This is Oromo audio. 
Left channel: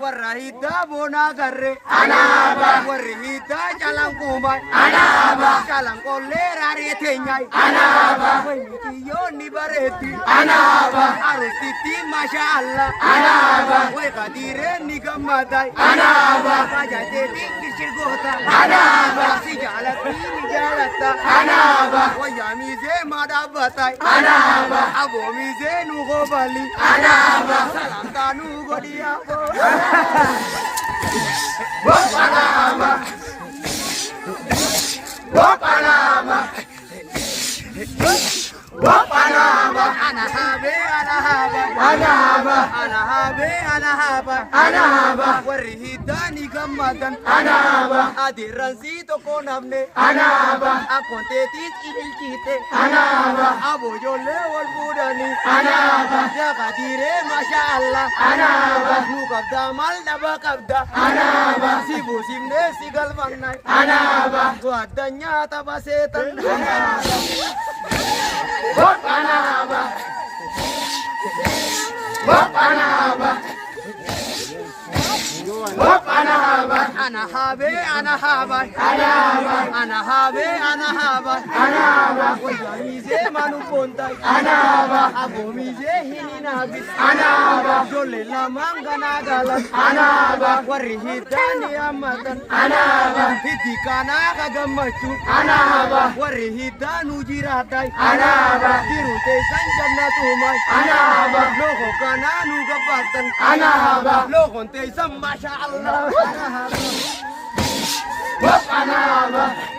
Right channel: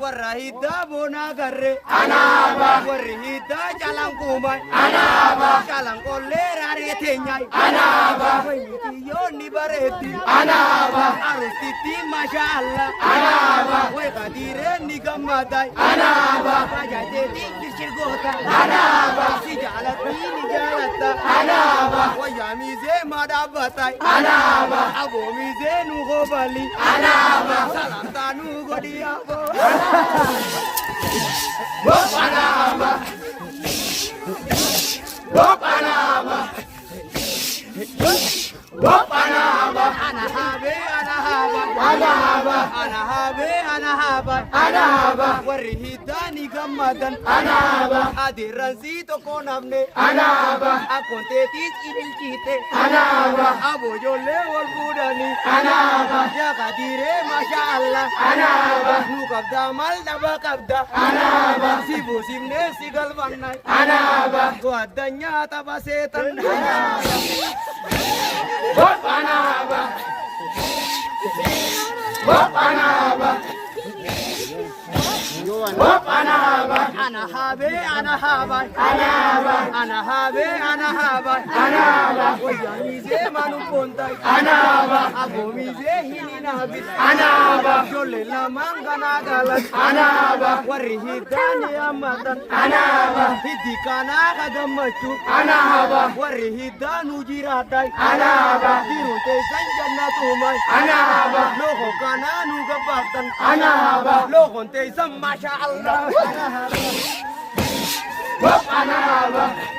Warahida bona garre anaba warahida jalan kumai anaba jalan kolera retenyai anaba yo ni bareti anaba arustiti mashallah anaba we kadire ni gamadai anaba kajate dingir gota anaba si jalati ni jalata anaba wayami ze madabatai anaba abomi ze nu gobali anaba salam tanu godia Panama, Panama, Panama, Anahabe, Anahaba, Anahaba, Anahabe, Anahaba, Anahaba, Warihidani Gamadan, Anahaba, Adirazito Konamne, Anahaba, Akontetis Ibilkite, Anahaba, Aboyole Walbudani, Anahaba, Yakadire Mashallah, Anahaba, Nukabda Maldabakabda, Anahaba, Sibu Simne Sigalvanai, Anahaba, Guadanya Tabasetan, Panama, Panama, Panama, Anahabe, Anahaba, Anahaba, Anahabe, Anahaba, Anahaba, Oyamize Manuponta, Anahaba, Abomize Hininabi, Anahaba, Jolela Mangana Galas, Anahaba, Warihidani Amatan, Anahaba, Hidikana Kadamachu, Anahaba, Warihidanu Jiratai, Anahaba, Dirute Sanjanatumai, Anahaba, Loho Kananu Gabatan, Anahaba, Lohonte Masha Allah, Anahaba, Anahaba.